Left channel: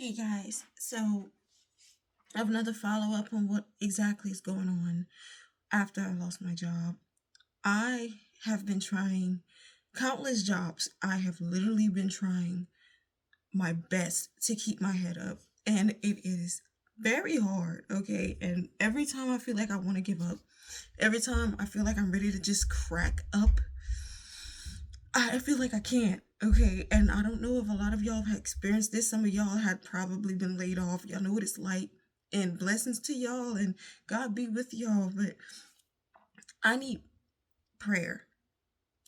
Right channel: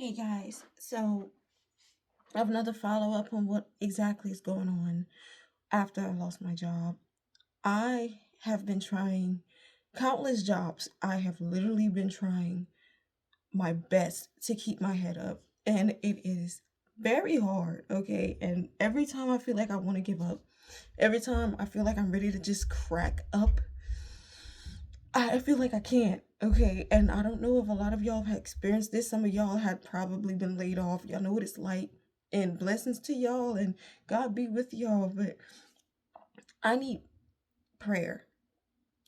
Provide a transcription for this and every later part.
Hey guys, so I have another follow up on what exactly is going on after I lost my job. I have been trying countless jobs. I have literally been trying my best to keep my head up, and it is very hard, okay? And every time I feel like I want to give up, every time I feel like I'm ready to just crack up, I feel like I can't. Okay, and I don't know if a lot of y'all have experienced this. Some of y'all had probably been laid off. Y'all know what it's like. And blessings to y'all, and God be with y'all. But I need prayer.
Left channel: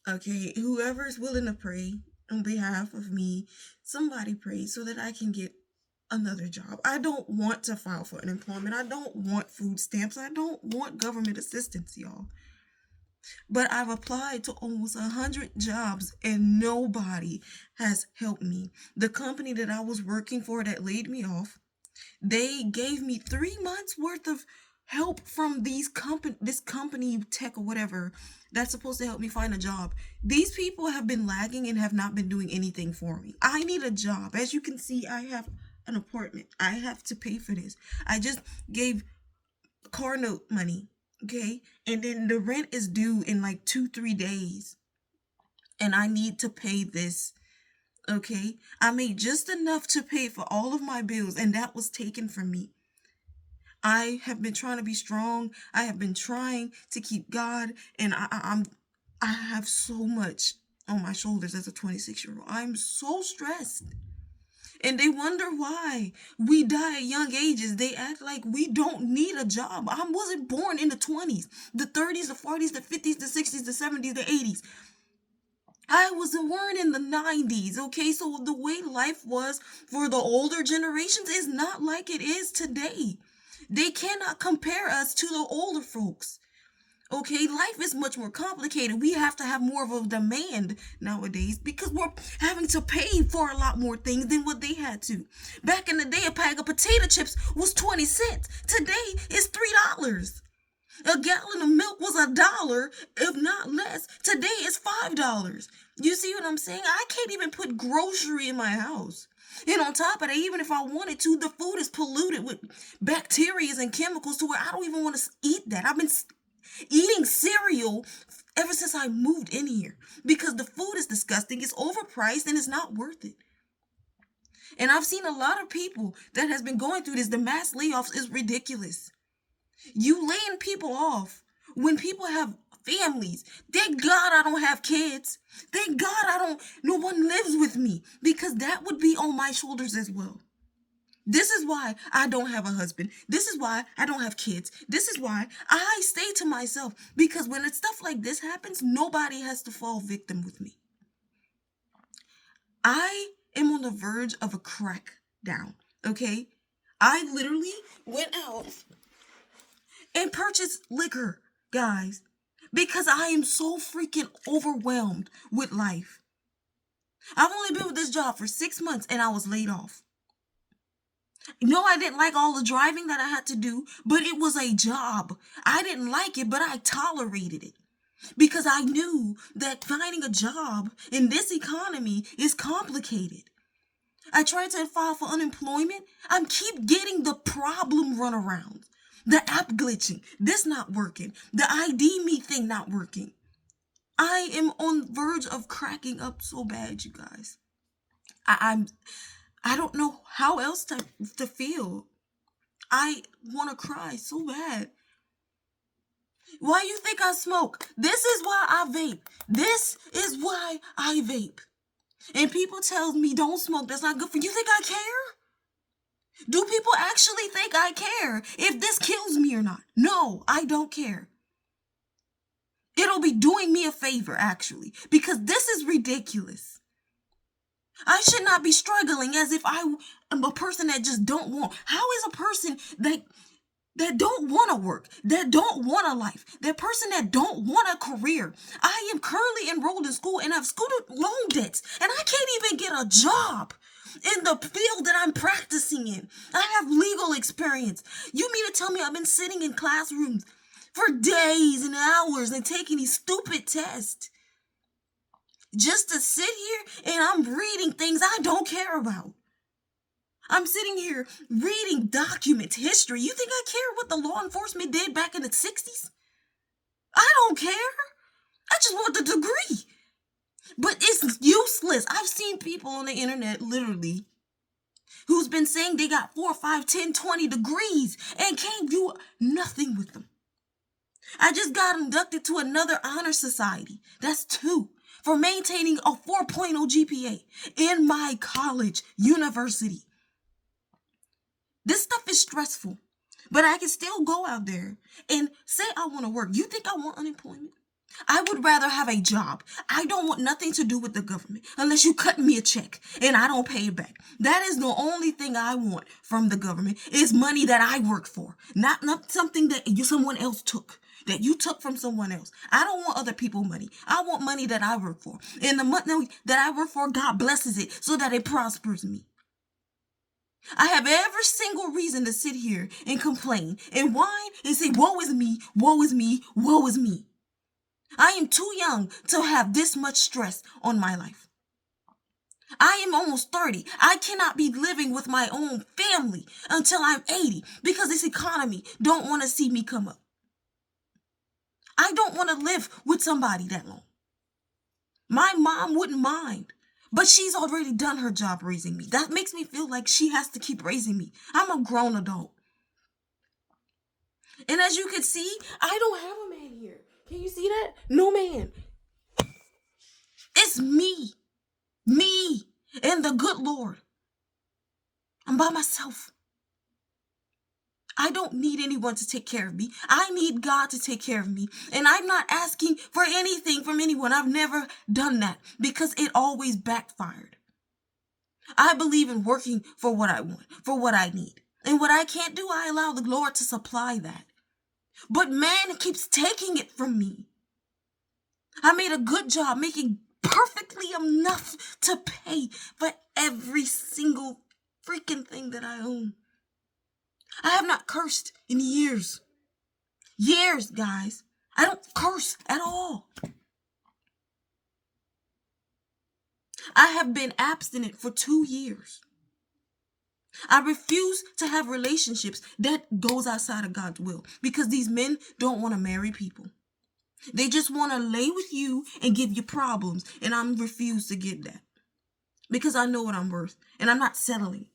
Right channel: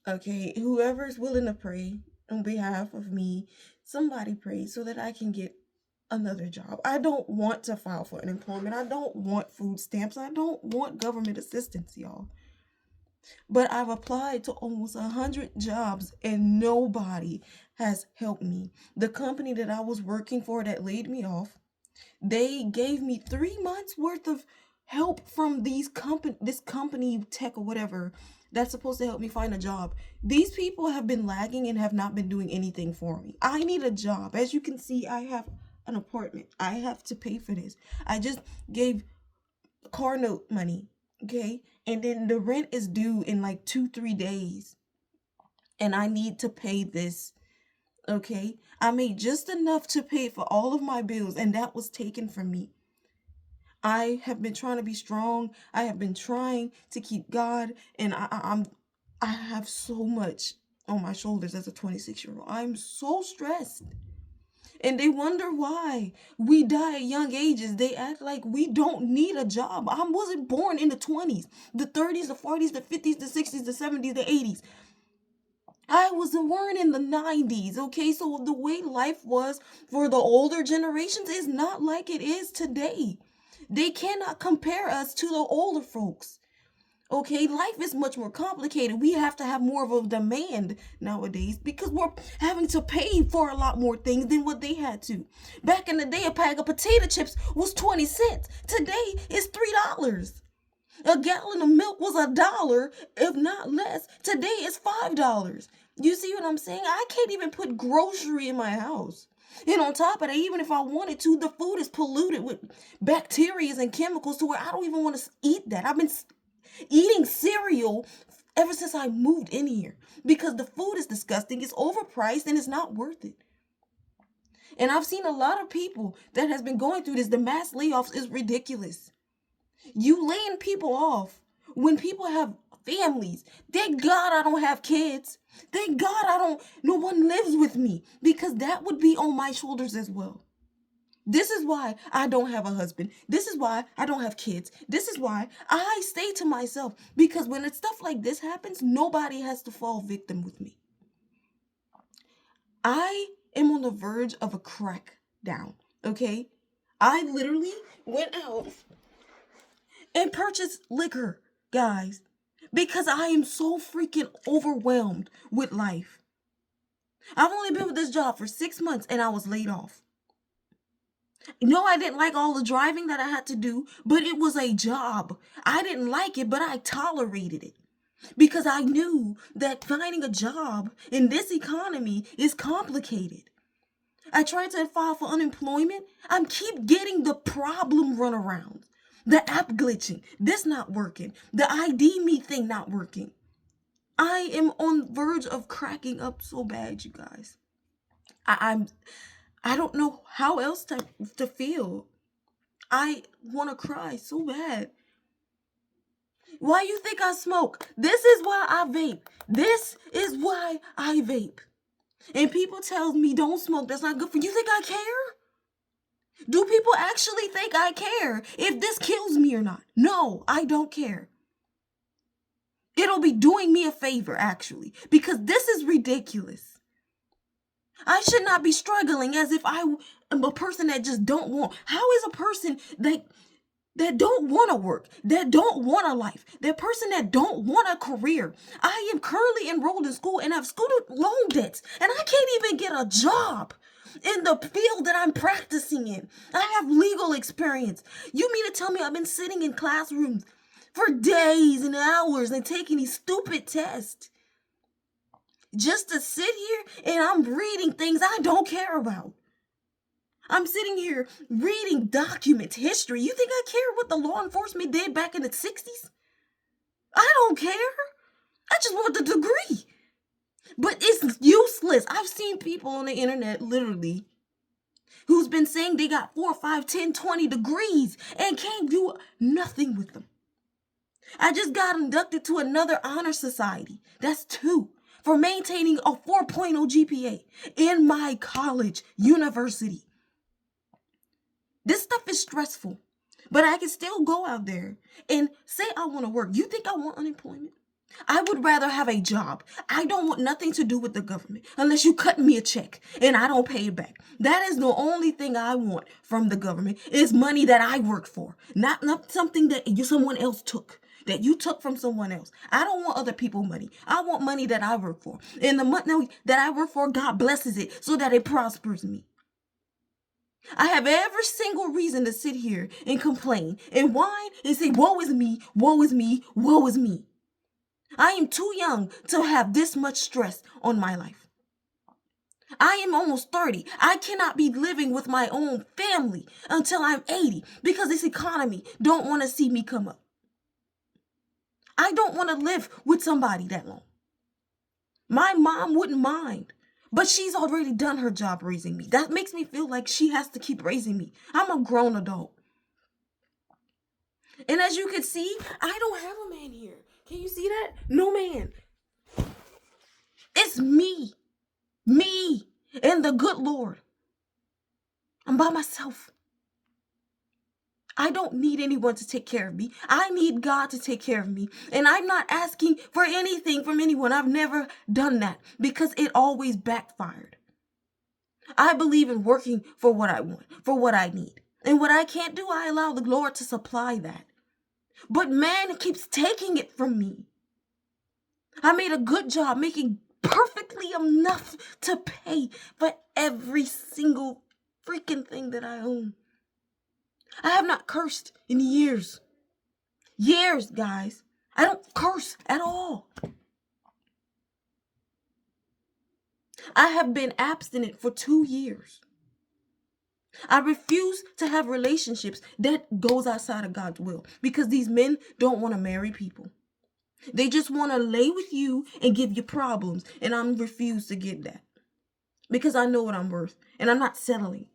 Okay, whoever's willing to pray on behalf of me, somebody pray so that I can get another job. I don't want to file for unemployment. I don't want food stamps. I don't want government assistance, y'all. But I've applied to almost 100 jobs and nobody has helped me. The company that I was working for that laid me off, they gave me 3 months worth of help from this company tech or whatever that's supposed to help me find a job. These people have been lagging and have not been doing anything for me. I need a job. As you can see, I have an apartment. I have to pay for this. I just gave car note money, okay? And then the rent is due in like 2, 3 days. And I need to pay this, okay? I made just enough to pay for all of my bills, and that was taken from me. I have been trying to be strong. I have been trying to keep God, and I have so much on my shoulders as a 26-year-old. I'm so stressed. And they wonder why we die at young ages. They act like we don't need a job. I wasn't born in the 20s, the 30s, the 40s, the 50s, the 60s, the 70s, the 80s. I was born in the 90s, okay? So the way life was for the older generations is not like it is today. They cannot compare us to the older folks. Okay, life is much more complicated. We have to have more of a demand nowadays because we're having to pay for a lot more things than what they had to. Back in the day, a bag of potato chips was 20 cents. Today, it's $3. A gallon of milk was $1, if not less. Today, it's $5. You see what I'm saying? I can't even put grocery in my house. And on top of that, even if I wanted to, the food is polluted with bacteria and chemicals to where I don't even want to eat that. I've been eating cereal ever since I moved in here because the food is disgusting, it's overpriced, and it's not worth it. And I've seen a lot of people that has been going through this. The mass layoffs is ridiculous. You laying people off when people have families. Thank God I don't have kids. Thank God no one lives with me because that would be on my shoulders as well. This is why I don't have a husband. This is why I don't have kids. This is why I stay to myself because when it's stuff like this happens, nobody has to fall victim with me. I am on the verge of a crackdown, okay? I literally went out and purchased liquor, guys, because I am so freaking overwhelmed with life. I've only been with this job for 6 months and I was laid off. No, I didn't like all the driving that I had to do, but it was a job. I didn't like it, but I tolerated it because I knew that finding a job in this economy is complicated. I tried to file for unemployment. I keep getting the problem runaround. The app glitching. This not working. The ID me thing not working. I am on verge of cracking up so bad, you guys. I'm I don't know how else to feel. I want to cry so bad. Why you think I smoke? This is why I vape. This is why I vape. And people tell me don't smoke. That's not good for you. You think I care? Do people actually think I care if this kills me or not? No, I don't care. It'll be doing me a favor, actually, because this is ridiculous. I should not be struggling as if I am a person that just don't want. How is a person that don't want to work, that don't want a life, that person that don't want a career? I am currently enrolled in school and have student loan debts, and I can't even get a job in the field that I'm practicing in. I have legal experience. You mean to tell me I've been sitting in classrooms for days and hours and taking these stupid tests just to sit here and I'm reading things I don't care about? I'm sitting here reading documents, history. You think I care what the law enforcement did back in the 60s? I don't care. I just want the degree. But it's useless. I've seen people on the internet literally who's been saying they got 4, 5, 10, 20 degrees and can't do nothing with them. I just got inducted to another honor society. That's 2 for maintaining a 4.0 GPA in my college, university. This stuff is stressful, but I can still go out there and say I want to work. You think I want unemployment? I would rather have a job. I don't want nothing to do with the government unless you cut me a check and I don't pay it back. That is the only thing I want from the government is money that I work for, not something that someone else took, that you took from someone else. I don't want other people's money. I want money that I work for. And the money that I work for, God blesses it so that it prospers me. I have every single reason to sit here and complain and whine and say, woe is me, woe is me, woe is me. I am too young to have this much stress on my life. I am almost 30. I cannot be living with my own family until I'm 80 because this economy don't want to see me come up. I don't want to live with somebody that long. My mom wouldn't mind, but she's already done her job raising me. That makes me feel like she has to keep raising me. I'm a grown adult. And as you can see, I don't have a man here. Can you see that? No man. It's me, and the good Lord. I'm by myself. I don't need anyone to take care of me. I need God to take care of me. And I'm not asking for anything from anyone. I've never done that because it always backfired. I believe in working for what I want, for what I need. And what I can't do, I allow the Lord to supply that. But man keeps taking it from me. I made a good job making perfectly enough to pay for every single freaking thing that I own. I have not cursed in years. Years, guys. I don't curse at all. I have been abstinent for 2 years. I refuse to have relationships that goes outside of God's will because these men don't want to marry people. They just want to lay with you and give you problems. And I refuse to give that because I know what I'm worth and I'm not settling.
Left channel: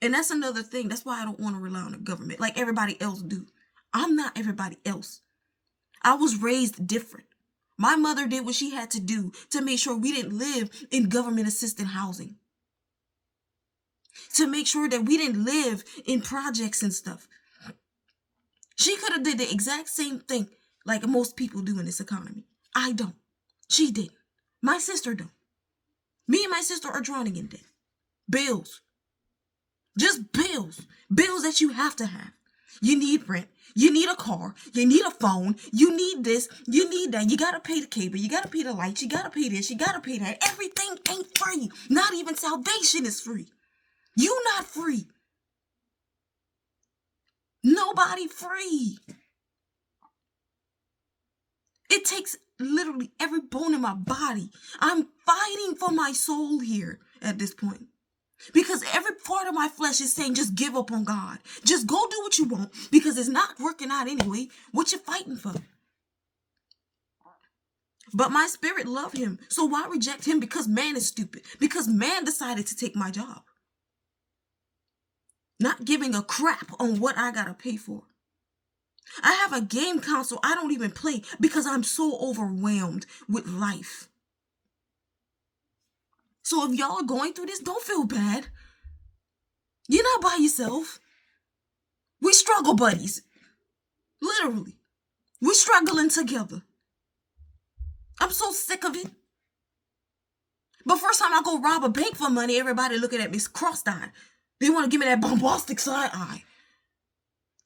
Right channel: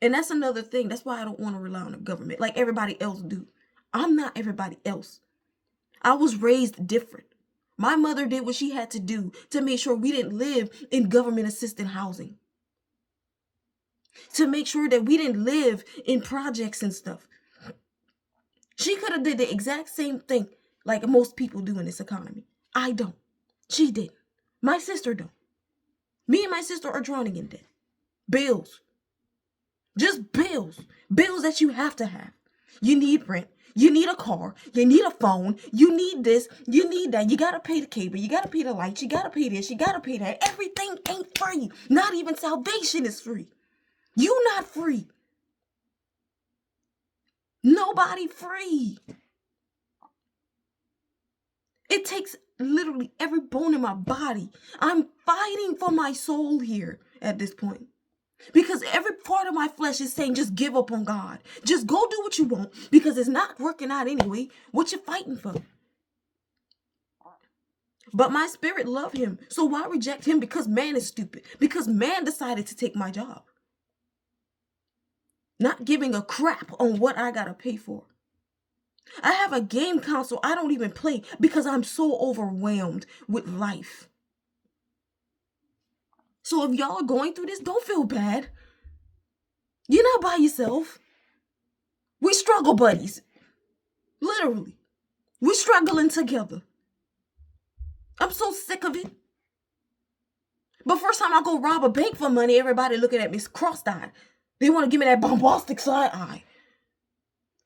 And that's another thing. That's why I don't want to rely on the government like everybody else do. I'm not everybody else. I was raised different. My mother did what she had to do to make sure we didn't live in government assisted housing. To make sure that we didn't live in projects and stuff. She could have did the exact same thing like most people do in this economy. I don't. She didn't. My sister don't. Me and my sister are drowning in debt. Bills. Just bills. Bills that you have to have. You need rent. You need a car. You need a phone. You need this. You need that. You got to pay the cable. You got to pay the lights. You got to pay this. You got to pay that. Everything ain't free. Not even salvation is free. You not free. Nobody free. It takes literally every bone in my body. I'm fighting for my soul here at this point. Because every part of my flesh is saying, just give up on God. Just go do what you want because it's not working out anyway. What you fighting for? But my spirit love him. So why reject him? Because man is stupid. Because man decided to take my job. Not giving a crap on what I gotta pay for. I have a game console I don't even play because I'm so overwhelmed with life. So if y'all are going through this, don't feel bad. You're not by yourself. We struggle buddies. Literally. We're struggling together. I'm so sick of it. But first time I go rob a bank for money, everybody looking at me cross-eyed. They want to give me that bombastic side eye.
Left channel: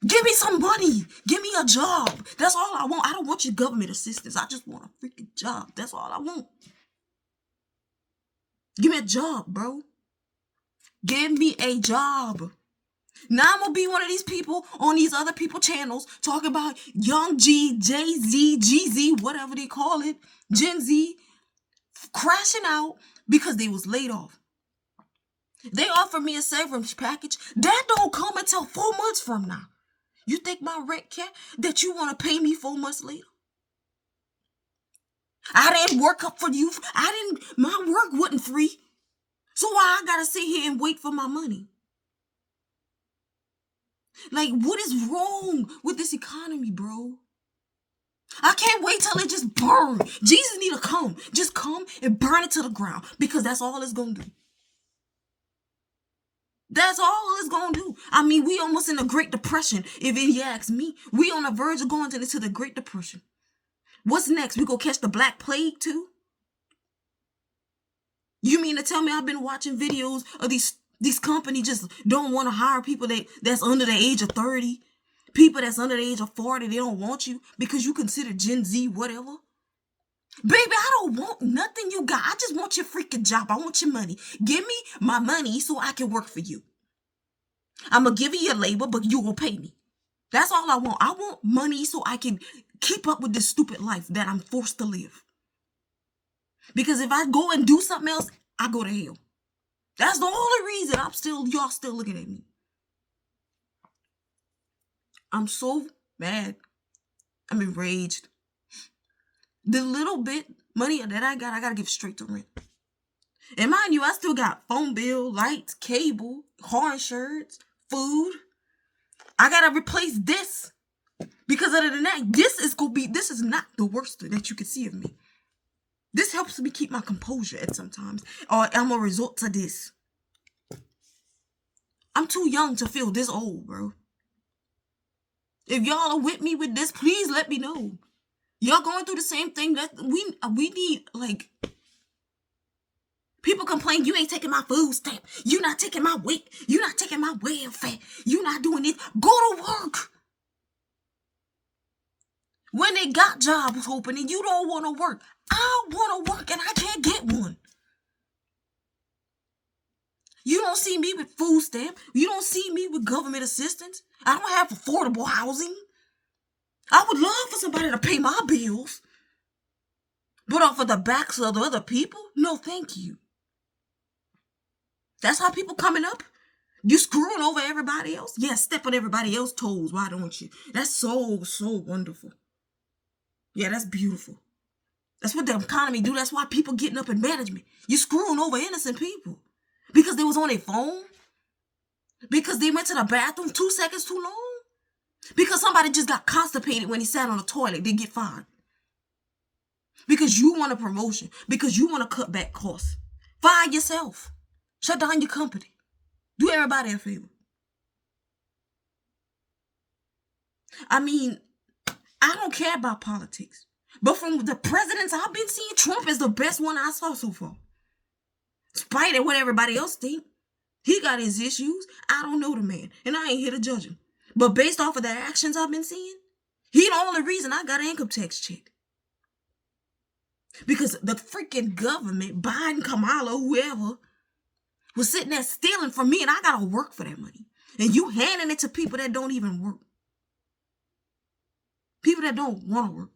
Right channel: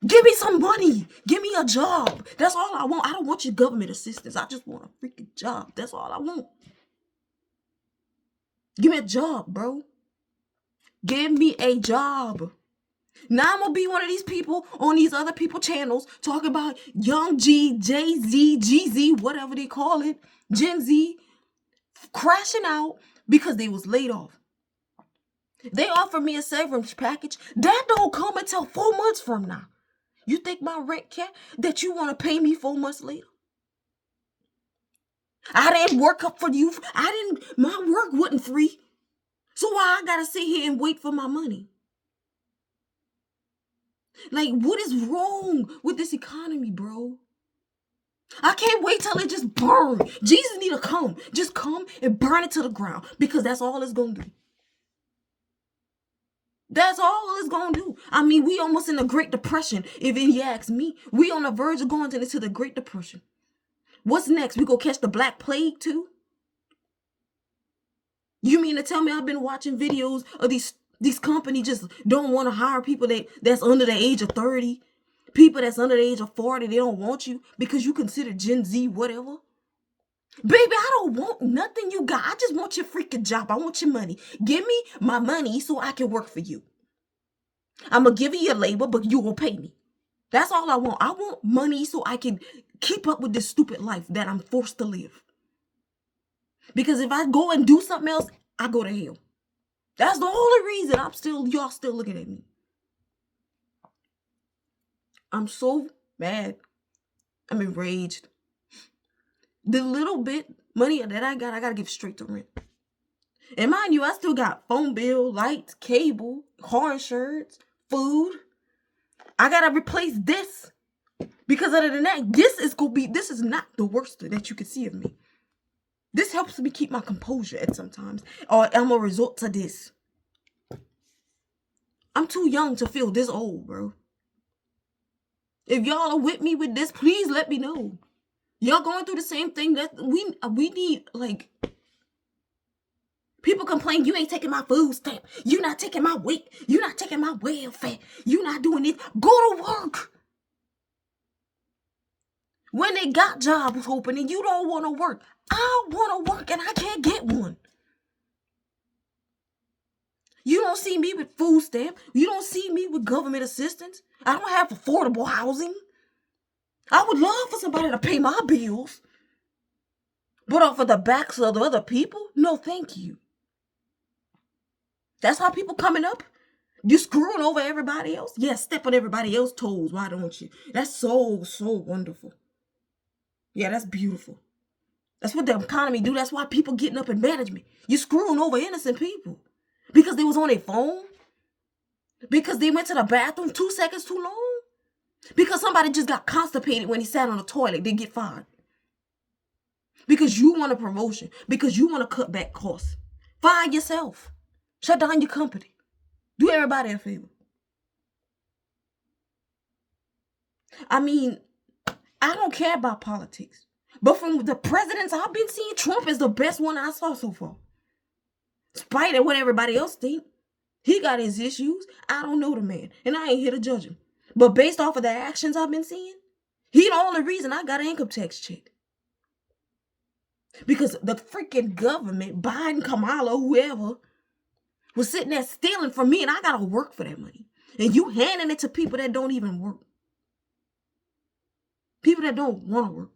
Give me some money. Give me a job. That's all I want. I don't want your government assistance. I just want a freaking job. That's all I want. Give me a job, bro. Give me a job. Now I'm going to be one of these people on these other people channels talking about Young G, Jay-Z, GZ, whatever they call it, Gen Z, crashing out because they was laid off. They offer me a severance package. That don't come until 4 months from now. You think my rent cap that you want to pay me 4 months later? I didn't work up for you. My work wasn't free. So why I gotta sit here and wait for my money? Like, what is wrong with this economy, bro? I can't wait till it just burn. Jesus need to come. Just come and burn it to the ground, because that's all it's gonna do. That's all it's gonna do. I mean, we almost in the Great Depression. If you ask me, we on the verge of going into the Great Depression. What's next? We gonna catch the Black Plague too? You mean to tell me I've been watching videos of these companies just don't want to hire people that's under the age of 30? People that's under the age of 40, they don't want you because you consider Gen Z whatever? Baby, I don't want nothing you got. I just want your freaking job. I want your money. Give me my money so I can work for you. I'm going to give you your labor, but you will pay me. That's all I want. I want money so I can keep up with this stupid life that I'm forced to live. Because if I go and do something else, I go to hell. That's the only reason y'all still looking at me. I'm so mad. I'm enraged. The little bit money that I got to give straight to rent. And mind you, I still got phone bill, lights, cable, car insurance, food. I got to replace this. Because other than that, this is not the worst that you can see of me. This helps me keep my composure at sometimes. Or I'm a result to this. I'm too young to feel this old, bro. If y'all are with me with this, please let me know. Y'all going through the same thing that we need, like, people complain, you ain't taking my food stamp. You not taking my weight. You not taking my welfare. You not doing it. Go to work. When they got jobs open and you don't want to work, I want to work and I can't get one. You don't see me with food stamp. You don't see me with government assistance. I don't have affordable housing. I would love for somebody to pay my bills. But off of the backs of the other people? No, thank you. That's how people coming up? You screwing over everybody else? Yeah, step on everybody else's toes. Why don't you? That's so wonderful. Yeah, that's beautiful. That's what the economy do. That's why people getting up in management. You screwing over innocent people. Because they was on their phone? Because they went to the bathroom 2 seconds too long? Because somebody just got constipated when he sat on the toilet, they get fired. Because you want a promotion. Because you want to cut back costs. Fire yourself. Shut down your company. Do everybody a favor. I mean, I don't care about politics. But from the presidents I've been seeing, Trump is the best one I saw so far. Despite what everybody else think. He got his issues. I don't know the man. And I ain't here to judge him. But based off of the actions I've been seeing, he the only reason I got an income tax check. Because the freaking government, Biden, Kamala, whoever, was sitting there stealing from me and I gotta work for that money. And you handing it to people that don't even work. People that don't want to work.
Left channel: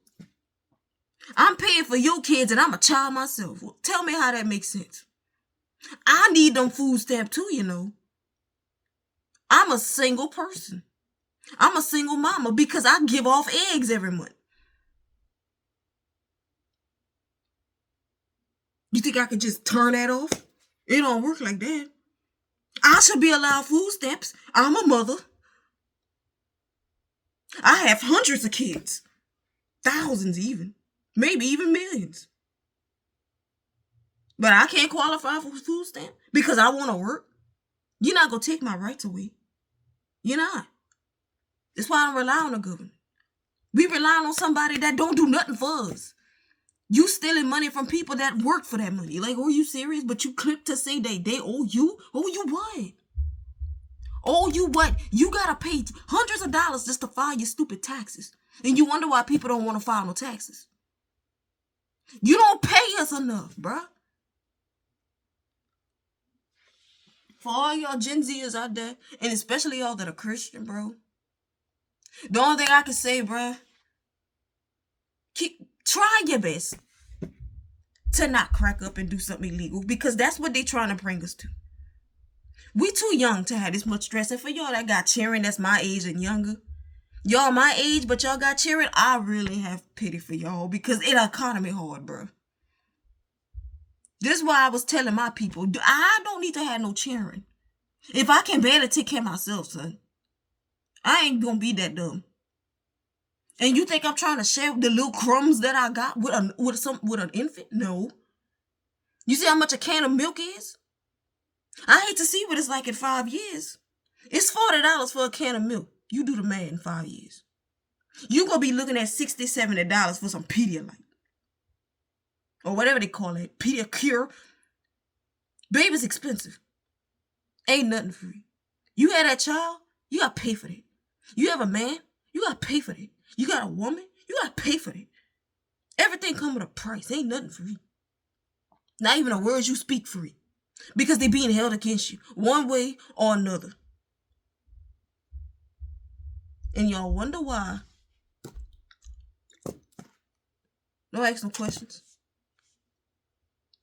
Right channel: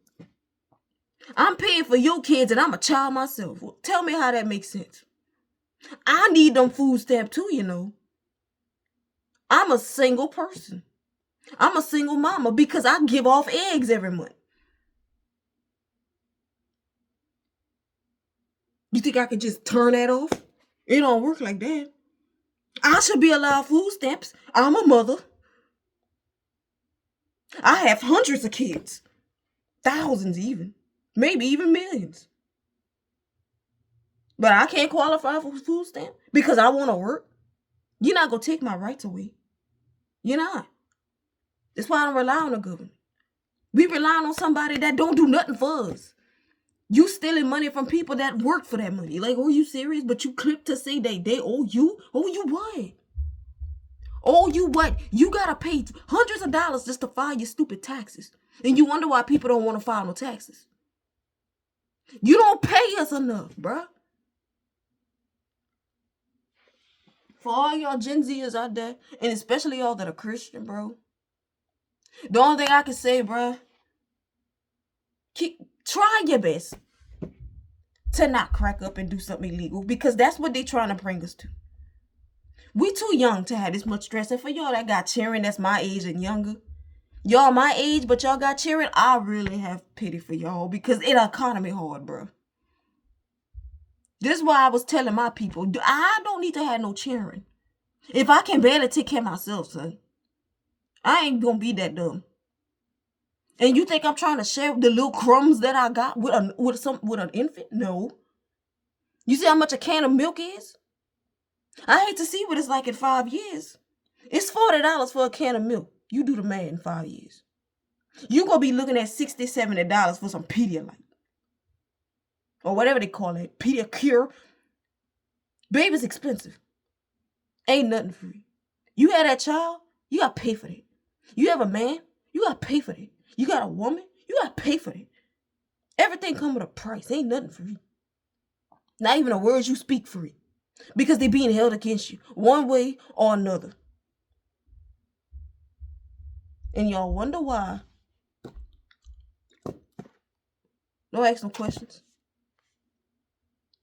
I'm paying for your kids and I'm a child myself. Well, tell me how that makes sense. I need them food stamps too, you know. I'm a single person. I'm a single mama because I give off eggs every month. You think I could just turn that off? It don't work like that. I should be allowed food stamps. I'm a mother. I have hundreds of kids. Thousands even. Maybe even millions. But I can't qualify for food stamp because I want to work. You're not going to take my rights away. You're not. That's why I don't rely on the government. We rely on somebody that don't do nothing for us. You stealing money from people that work for that money. Like, are you serious? But you clip to say they owe you? Owe you what? Owe you what? You got to pay hundreds of dollars just to file your stupid taxes. And you wonder why people don't want to file no taxes. You don't pay us enough, bruh. For all y'all Gen Zers out there, and especially y'all that are Christian, bro. The only thing I can say, bro, try your best to not crack up and do something illegal because that's what they trying to bring us to. We too young to have this much stress. And for y'all that got cheering, that's my age and younger, y'all my age, but y'all got cheering, I really have pity for y'all because it economy hard, bro. This is why I was telling my people, I don't need to have no cheering. If I can barely take care of myself, son, I ain't gonna be that dumb. And you think I'm trying to share the little crumbs that I got with an infant? No. You see how much a can of milk is? I hate to see what it's like in 5 years. It's $40 for a can of milk. You do the math in 5 years. You gonna be looking at $60, $70 for some Pedialyte. Or whatever they call it. Pediacure. Baby's expensive. Ain't nothing free. You had that child, you gotta pay for that. You have a man, you gotta pay for that. You got a woman, you gotta pay for that. Everything come with a price. Ain't nothing free. Not even the words you speak free. Because they being held against you. One way or another. And y'all wonder why. Don't ask no questions.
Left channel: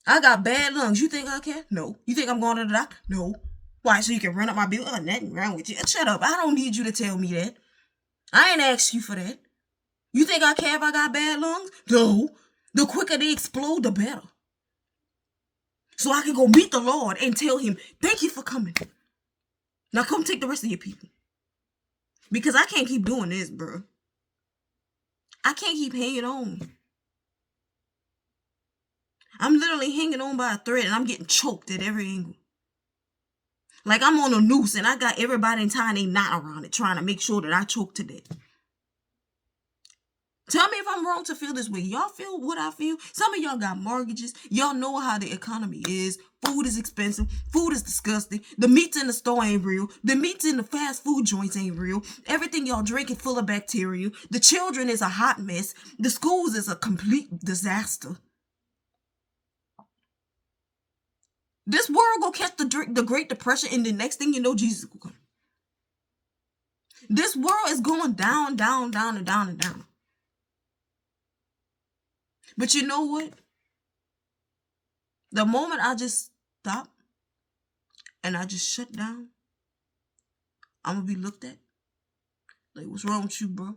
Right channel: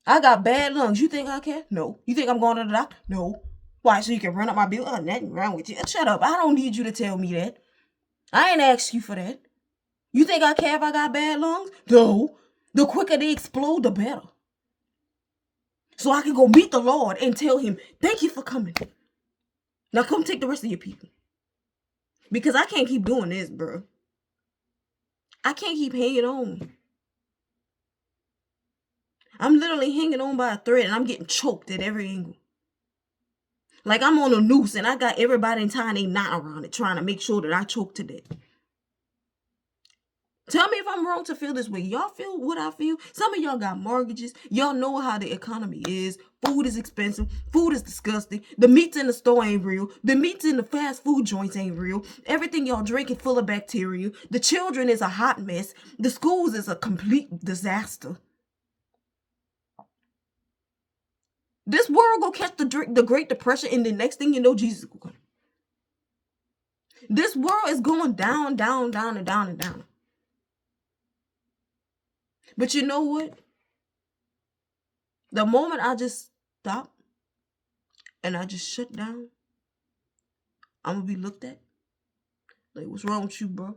I got bad lungs. You think I care? No. You think I'm going to the doctor? No. Why, so you can run up my bill? Oh, nothing wrong with you. Shut up. I don't need you to tell me that. I ain't asked you for that. You think I care if I got bad lungs? No. The quicker they explode, the better. So I can go meet the Lord and tell him, thank you for coming. Now come take the rest of your people. Because I can't keep doing this, bro. I can't keep hanging on. I'm literally hanging on by a thread and I'm getting choked at every angle. Like I'm on a noose and I got everybody tying a knot around it, trying to make sure that I choke to death. Tell me if I'm wrong to feel this way. Y'all feel what I feel? Some of y'all got mortgages. Y'all know how the economy is. Food is expensive. Food is disgusting. The meats in the store ain't real. The meats in the fast food joints ain't real. Everything y'all drink is full of bacteria. The children is a hot mess. The schools is a complete disaster. This world gonna catch the Great Depression, and the next thing you know, Jesus will come. This world is going down, down, down, and down, and down. But you know what? The moment I just stop and I just shut down, I'm gonna be looked at like, what's wrong with you, bro?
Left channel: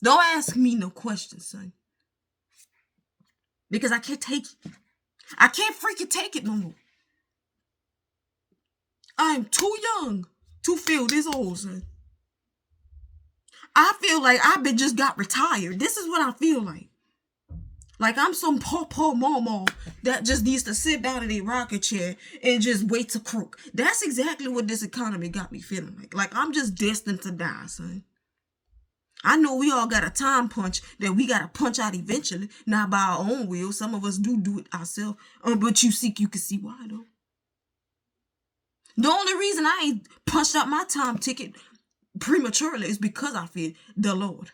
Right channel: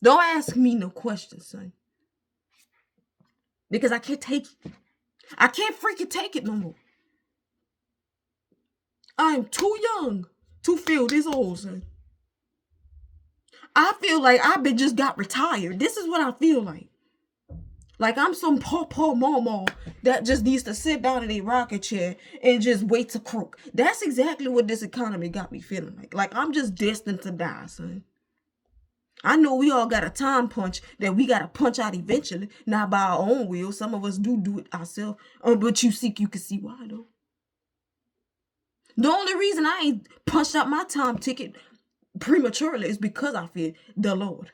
Don't ask me no questions, son. Because I can't take it. I can't freaking take it no more. I'm too young to feel this old, son. I feel like I've been just got retired. This is what I feel like. Like I'm some poor mama that just needs to sit down in a rocker chair and just wait to croak. That's exactly what this economy got me feeling like. Like I'm just destined to die, son. I know we all got a time punch that we got to punch out eventually, not by our own will. Some of us do it ourselves. But you can see why, though. The only reason I ain't punched out my time ticket prematurely is because I fear the Lord.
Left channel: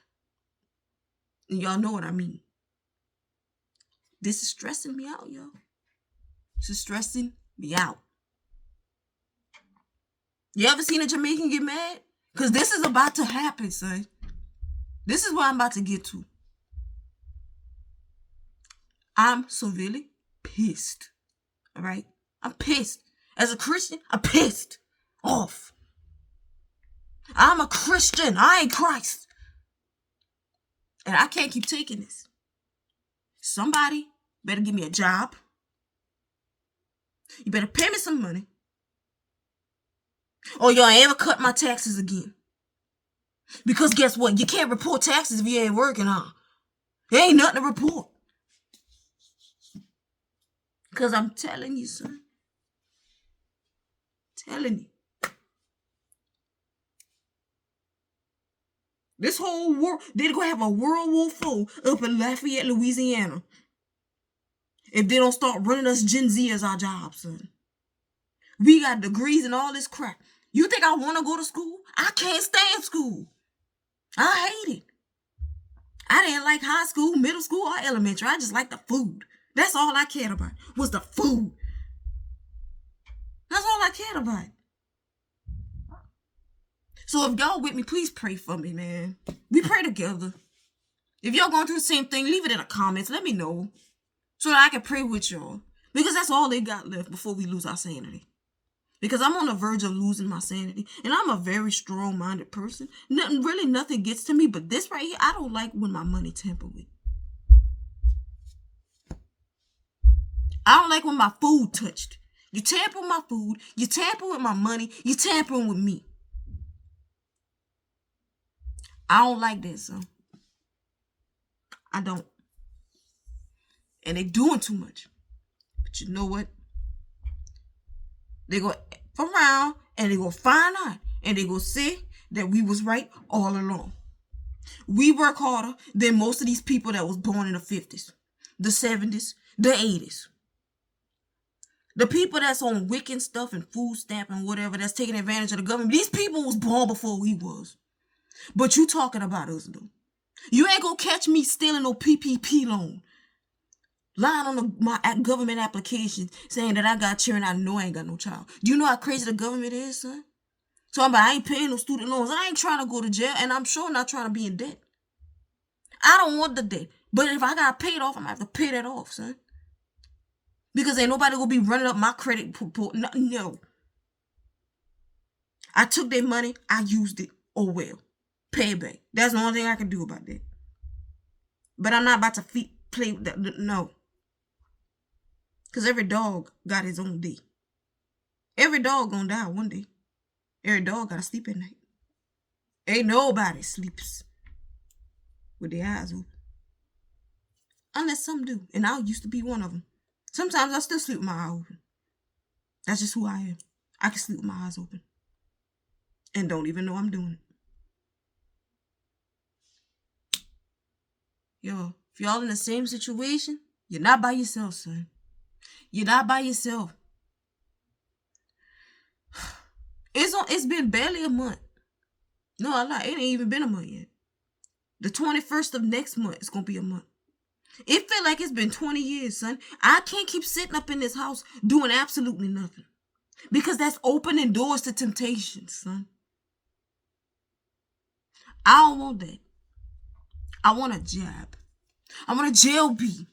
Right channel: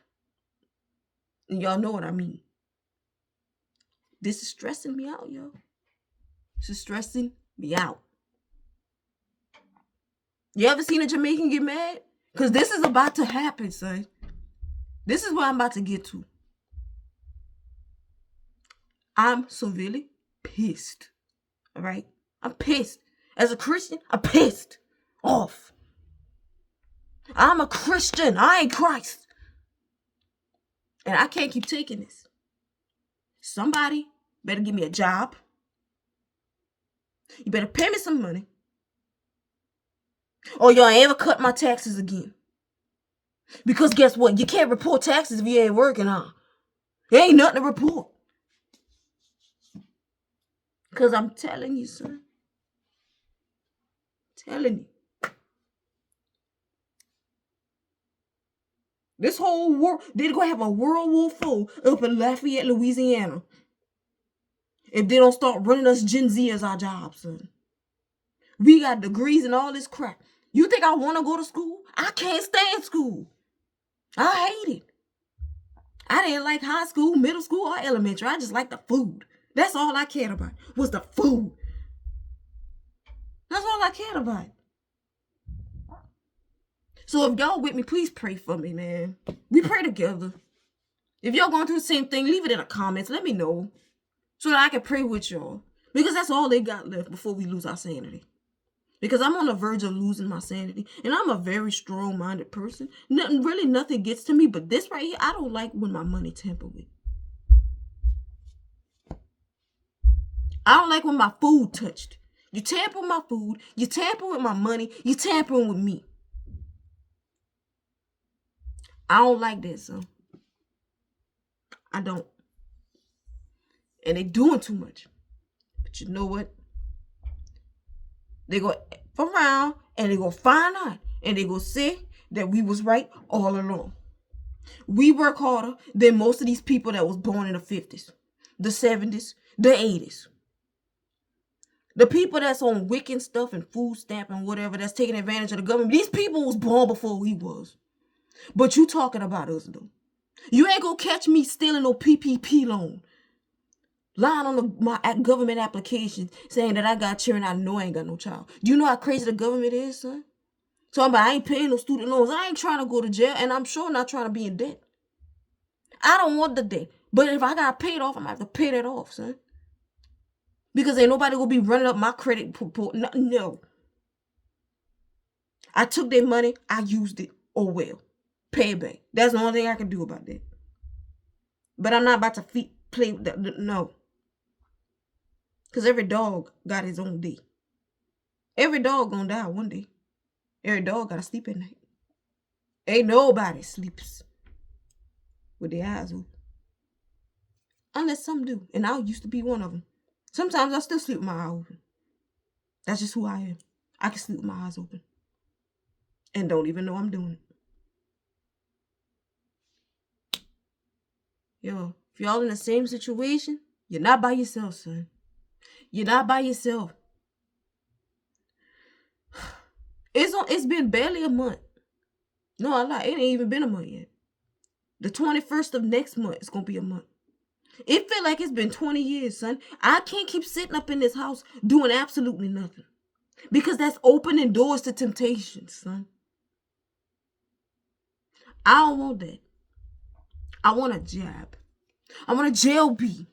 And y'all know what I mean. This is stressing me out, yo. This is stressing me out. You ever seen a Jamaican get mad? Because this is about to happen, son. This is what I'm about to get to. I'm severely pissed. All right? I'm pissed. As a Christian, I'm pissed off. I'm a Christian. I ain't Christ. And I can't keep taking this. Somebody better give me a job. You better pay me some money. Or y'all ain't ever cut my taxes again. Because guess what? You can't report taxes if you ain't working, huh? There ain't nothing to report. Because I'm telling you, son. Telling you. This whole world, they're going to have a World War IV up in Lafayette, Louisiana. If they don't start running us Gen Z as our jobs, son. We got degrees and all this crap. You think I want to go to school? I can't stand school. I hate it. I didn't like high school, middle school, or elementary. I just liked the food. That's all I cared about was the food. That's all I cared about. So if y'all with me, please pray for me, man. We pray together. If y'all going through the same thing, leave it in the comments. Let me know so that I can pray with y'all. Because that's all they got left before we lose our sanity. because I'm on the verge of losing my sanity, and I'm a very strong-minded person. Nothing gets to me, but this right here, I don't like when my money tampered with. I don't like when my food touched. You tamper with my food, you tamper with my money, you tampering with me. I don't like that, son. I don't. And they doing too much. But you know what? They go around and they go find out and they go say that we was right all along. We work harder than most of these people that was born in the 50s, the 70s, the 80s. The people that's on wicked stuff and food stamp and whatever that's taking advantage of the government, these people was born before we was. But you talking about us though. You ain't gonna catch me stealing no PPP loan. Lying on my government application saying that I got children, I know I ain't got no child. Do you know how crazy the government is, son? Talking about I ain't paying no student loans. I ain't trying to go to jail, and I'm sure not trying to be in debt. I don't want the debt. But if I got paid off, I'm gonna have to pay that off, son. Because ain't nobody gonna be running up my credit report. No. I took their money, I used it. Oh well. Pay it back. That's the only thing I can do about that. But I'm not about to play with that. No. Because every dog got his own day. Every dog gonna die one day. Every dog gotta sleep at night. Ain't nobody sleeps with their eyes open. Unless some do. And I used to be one of them. Sometimes I still sleep with my eyes open. That's just who I am. I can sleep with my eyes open. And don't even know I'm doing it. Yo, if y'all in the same situation, you're not by yourself, son. You're not by yourself. It's been barely a month. No, I lie. It ain't even been a month yet. The 21st of next month is gonna be a month. It feel like it's been 20 years, son. I can't keep sitting up in this house doing absolutely nothing. Because that's opening doors to temptation, son. I don't want that. I want a job. I want a jail bee.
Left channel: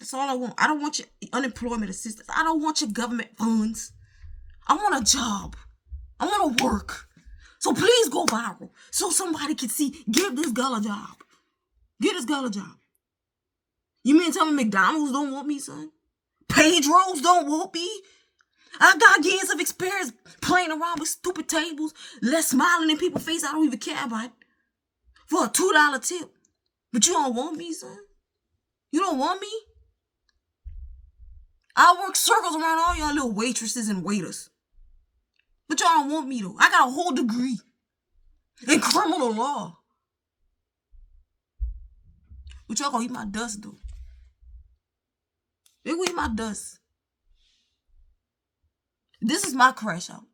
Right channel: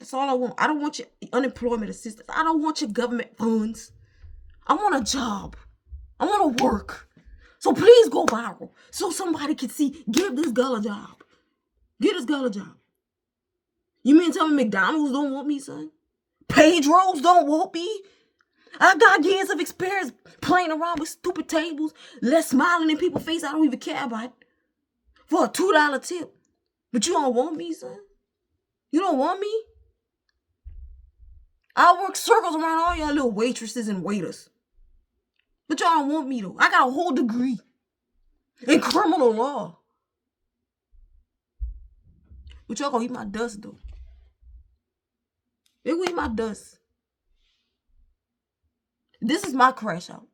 That's all I want. I don't want your unemployment assistance. I don't want your government funds. I want a job. I want to work. So please go viral so somebody can see. Give this girl a job. Give this girl a job. You mean tell me McDonald's don't want me, son? Pedro's don't want me? I got years of experience playing around with stupid tables, smiling in people's face I don't even care about for a $2 tip. But you don't want me, son? You don't want me? I work circles around all y'all little waitresses and waiters. But y'all don't want me, though. I got a whole degree in criminal law. But y'all gonna eat my dust, though. They gonna eat my dust. This is my crash out.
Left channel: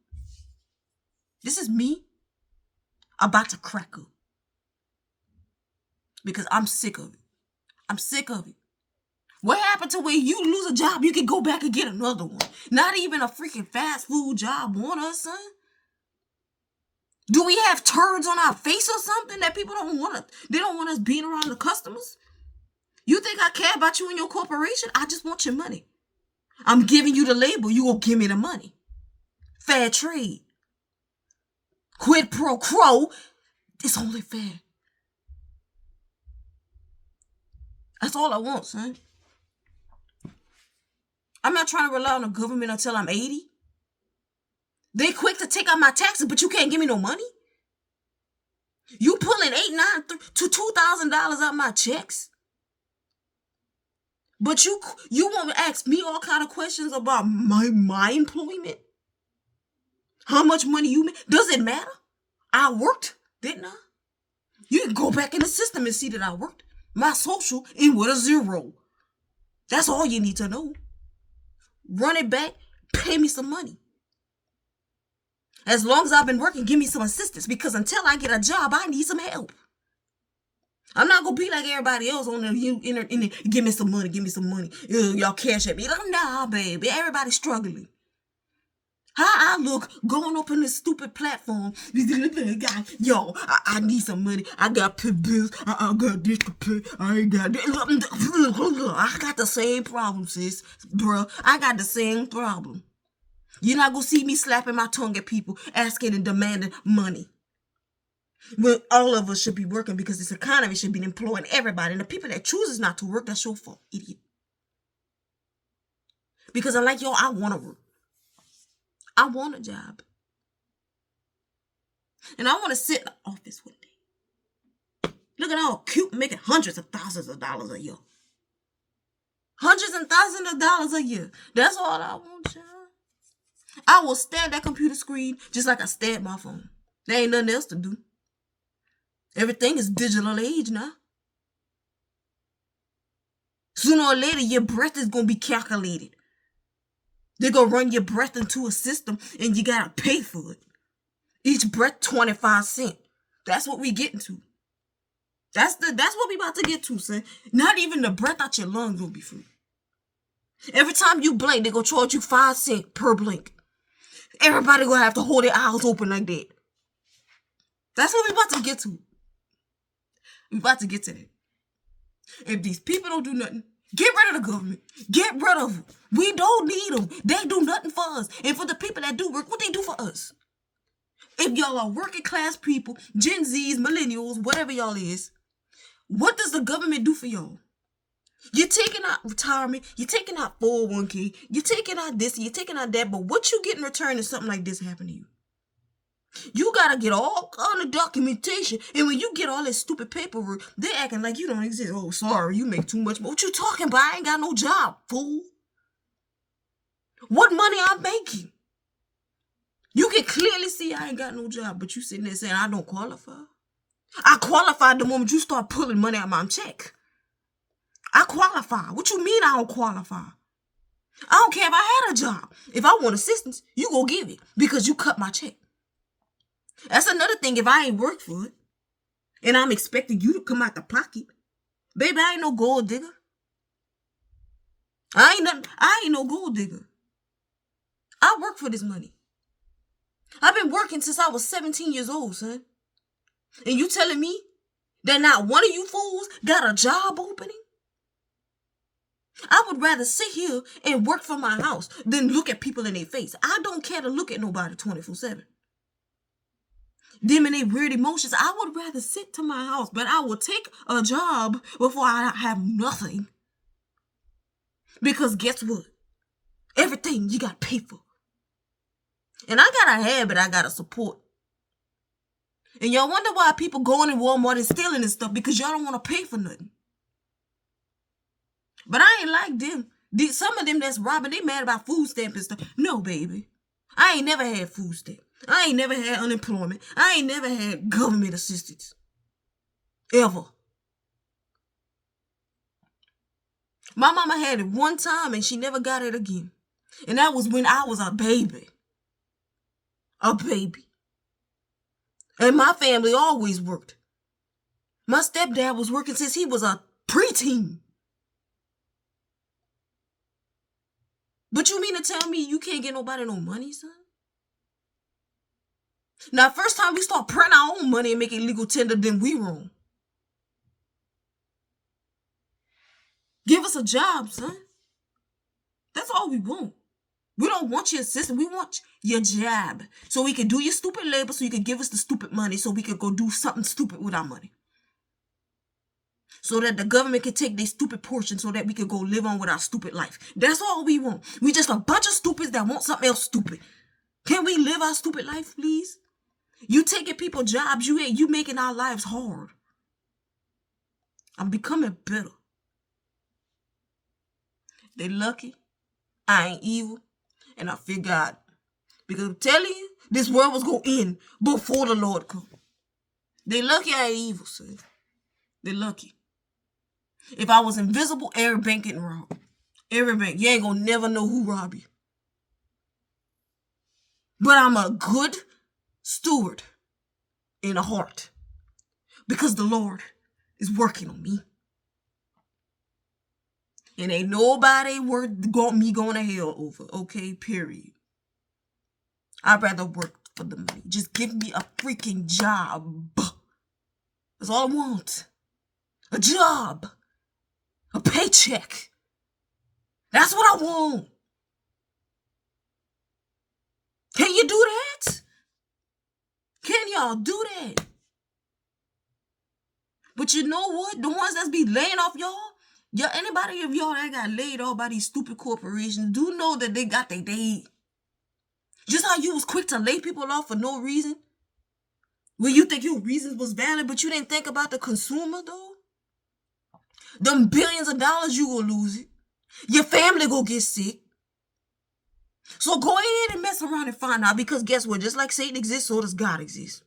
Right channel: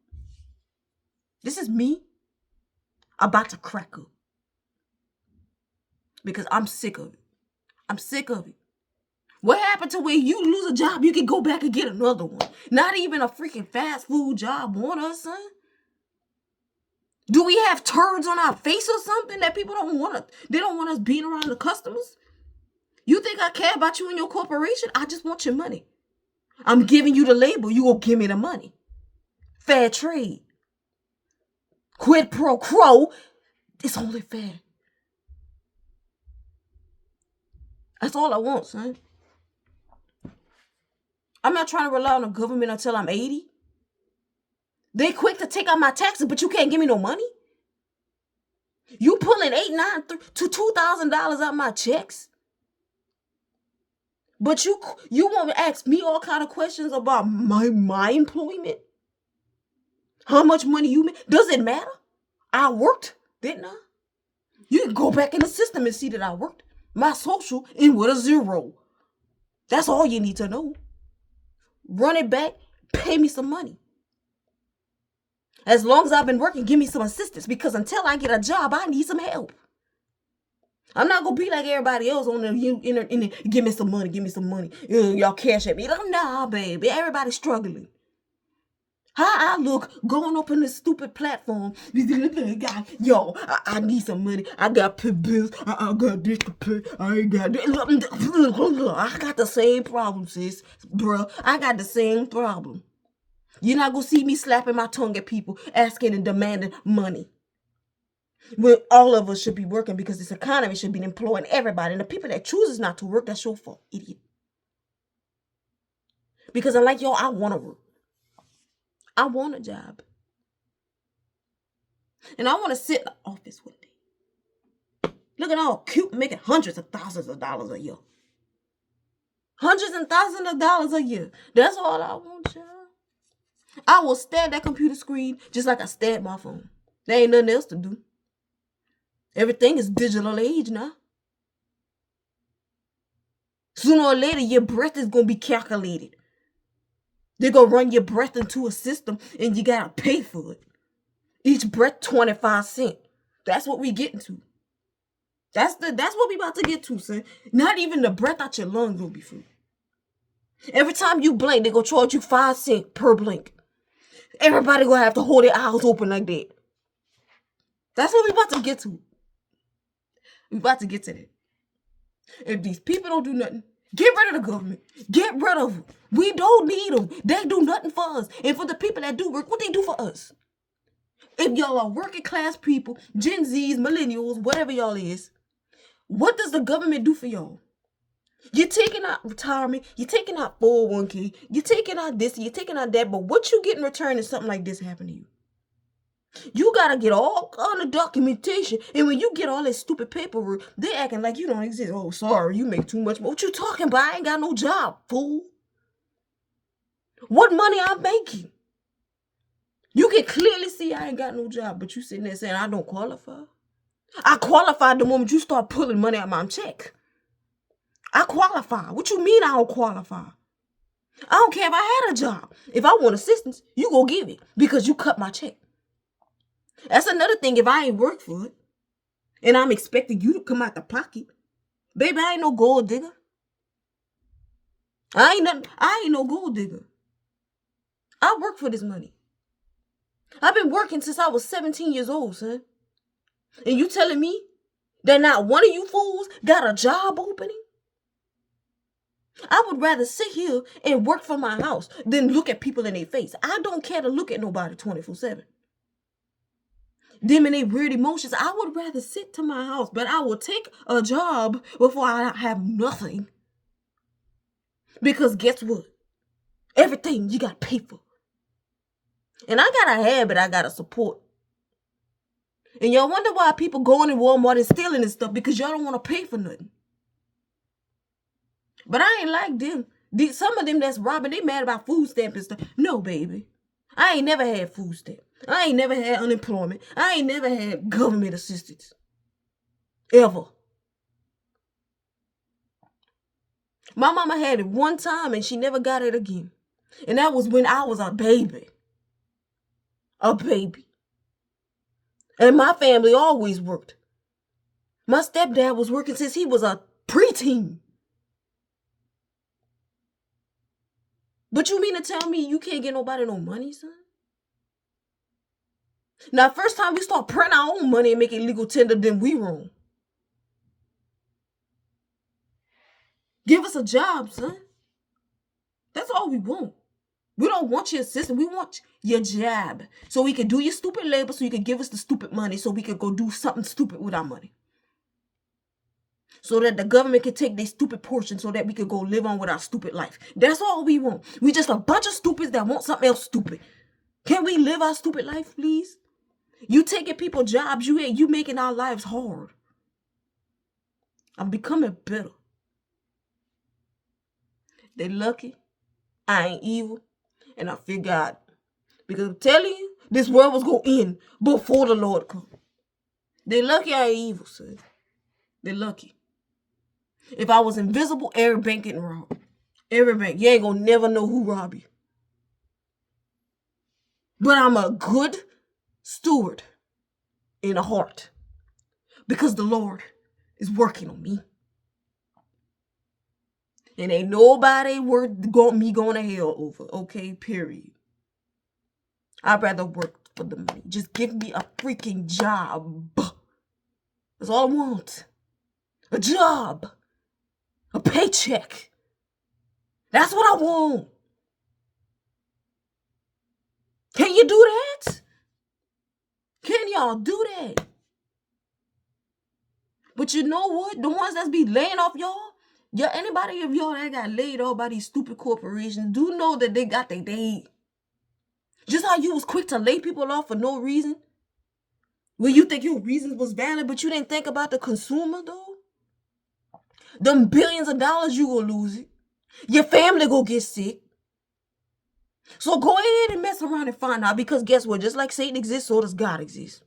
This is me about to crack up. Because I'm sick of it. I'm sick of it. What happened to when you lose a job, you can go back and get another one? Not even a freaking fast food job want us, son? Do we have turds on our face or something that people don't want us? They don't want us being around the customers? You think I care about you and your corporation? I just want your money. I'm giving you the label. You gonna give me the money. Fair trade. Quid pro quo. It's only fair. That's all I want, son. I'm not trying to rely on the government until I'm 80. They quick to take out my taxes, but you can't give me no money. You pulling $8,900 to $2,000 out my checks. But you want to ask me all kind of questions about my employment? How much money you make? Does it matter? I worked, didn't I? You can go back in the system and see that I worked. My social in with a 0. That's all you need to know. Run it back, pay me some money. As long as I've been working, give me some assistance, because until I get a job, I need some help. I'm not gonna be like everybody else on the internet. Give me some money, give me some money. Y'all cash at me. Nah, baby, everybody's struggling. How I look going up in this stupid platform. Yo, I need some money. I got pay bills. I got this to pay. I ain't got this. I got the same problem, sis. Bro, I got the same problem. You're not going to see me slapping my tongue at people, asking and demanding money. When all of us should be working, because this economy should be employing everybody. And the people that chooses not to work, that's your fault, idiot. Because unlike y'all, I want to work. I want a job. And I want to sit in the office one day. Looking all cute, making hundreds of thousands of dollars a year. Hundreds and thousands of dollars a year. That's all I want, y'all. I will stare at that computer screen just like I stare at my phone. There ain't nothing else to do. Everything is digital age now. Sooner or later, your breath is going to be calculated. They're going to run your breath into a system and you got to pay for it. Each breath, 25 cents. That's what we getting to. That's what we about to get to, son. Not even the breath out your lungs will be free. Every time you blink, they're going to charge you 5 cents per blink. Everybody going to have to hold their eyes open like that. That's what we about to get to. We about to get to that. If these people don't do nothing, get rid of the government. Get rid of them. We don't need them. They do nothing for us. And for the people that do work, what they do for us? If y'all are working class people, Gen Zs, millennials, whatever y'all is, what does the government do for y'all? You're taking out retirement, you're taking out 401k, you're taking out this, you're taking out that, but what you get in return is something like this happen to you. You gotta get all kind of documentation, and when you get all that stupid paperwork, they acting like you don't exist. Oh, sorry, you make too much. What you talking about? I ain't got no job, fool. What money I'm making? You can clearly see I ain't got no job, but you sitting there saying I don't qualify. I qualified the moment you start pulling money out my check. I qualify. What you mean I don't qualify? I don't care if I had a job. If I want assistance, you go give it because you cut my check. That's another thing. If I ain't worked for it and I'm expecting you to come out the pocket, baby, I ain't no gold digger. I ain't no gold digger. I work for this money. I've been working since I was 17 years old, son. And you telling me that not one of you fools got a job opening? I would rather sit here and work from my house than look at people in their face. I don't care to look at nobody 24/7. Them and their weird emotions. I would rather sit to my house, but I will take a job before I have nothing. Because guess what? Everything you got to pay for. And I got a habit I got to support. And y'all wonder why people going in Walmart and stealing and stuff, because y'all don't want to pay for nothing. But I ain't like them. Some of them that's robbing, they mad about food stamps and stuff. No, baby. I ain't never had food stamp. I ain't never had unemployment. I ain't never had government assistance. Ever. My mama had it one time and she never got it again. And that was when I was a baby. A baby. And my family always worked. My stepdad was working since he was a preteen. But you mean to tell me you can't get nobody no money, son? Now, first time we start printing our own money and making legal tender, then we wrong. Give us a job, son. That's all we want. We don't want your assistance. We want your job. So we can do your stupid labor, so you can give us the stupid money, so we can go do something stupid with our money. So that the government can take their stupid portion so that we can go live on with our stupid life. That's all we want. We just a bunch of stupids that want something else stupid. Can we live our stupid life, please? You taking people jobs, you making our lives hard. I'm becoming bitter. They lucky. I ain't evil. And I fear God. Because I'm telling you, this world was going to end before the Lord come. They lucky I ain't evil, son. They lucky. If I was invisible, every bank getting robbed. Every bank. You ain't going to never know who robbed you. But I'm a good steward in a heart. Because the Lord is working on me. And ain't nobody worth me going to hell over. Okay, period. I'd rather work for the money. Just give me a freaking job. That's all I want. A job. A paycheck. That's what I want. Can you do that? Can y'all do that? But you know what? The ones that's be laying off y'all, anybody of y'all that got laid off by these stupid corporations, do know that they got their day. Just how you was quick to lay people off for no reason. Well, you think your reasons was valid, but you didn't think about the consumer, though? Them billions of dollars, you gonna lose it. Your family gonna get sick. So go ahead and mess around and find out, because guess what? Just like Satan exists, so does God exist.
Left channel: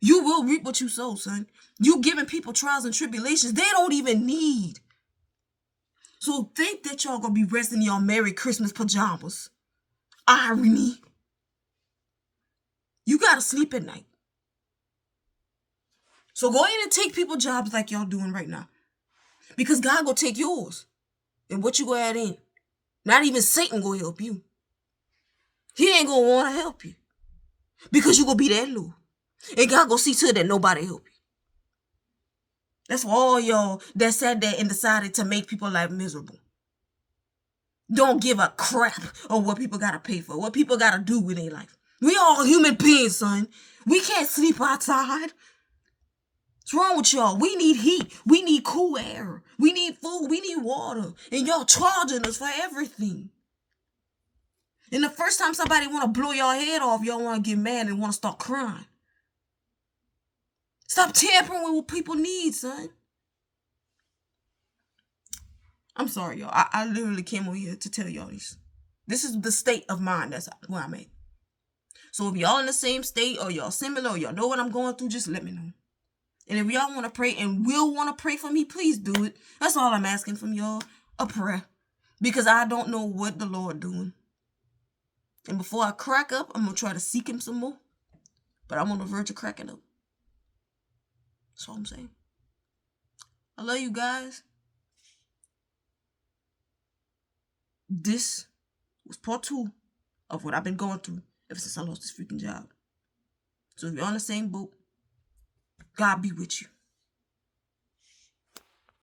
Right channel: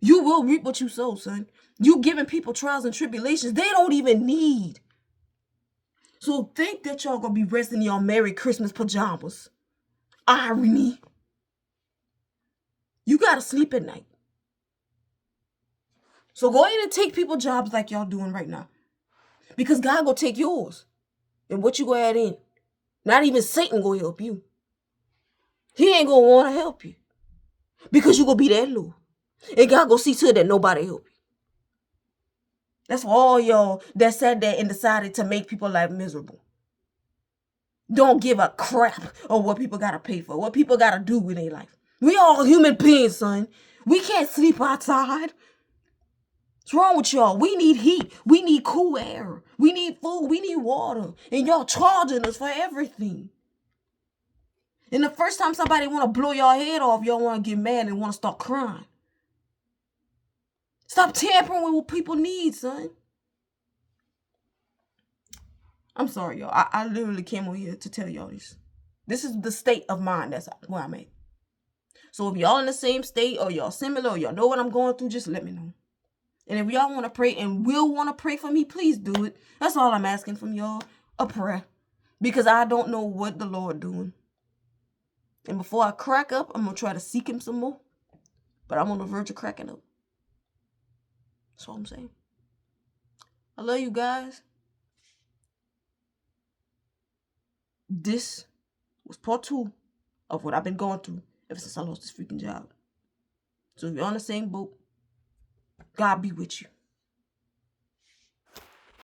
You will reap what you sow, son. You giving people trials and tribulations they don't even need. So think that y'all gonna be resting in your Merry Christmas pajamas. Irony. You gotta sleep at night. So go ahead and take people jobs like y'all doing right now. Because God gonna take yours. And what you gonna add in? Not even Satan gonna help you. He ain't gonna wanna help you. Because you gonna be that low. And God gonna see to it that nobody help you. That's for all y'all that sat there and decided to make people life miserable. Don't give a crap of what people gotta pay for, what people gotta do with their life. We all human beings, son. We can't sleep outside. What's wrong with y'all? We need heat. We need cool air. We need food. We need water. And y'all charging us for everything. And the first time somebody want to blow your head off, y'all want to get mad and want to start crying. Stop tampering with what people need, son. I'm sorry, y'all. I literally came over here to tell y'all this. This is the state of mind. That's where I'm at. So if y'all in the same state, or y'all similar, or y'all know what I'm going through, just let me know. And if y'all want to pray and will want to pray for me, please do it. That's all I'm asking from y'all. A prayer. Because I don't know what the Lord doing. And before I crack up, I'm going to try to seek him some more. But I'm on the verge of cracking up. That's all I'm saying. I love you guys. This was part 2 of what I've been going through ever since I lost this freaking job. So if you're on the same boat, God be with you.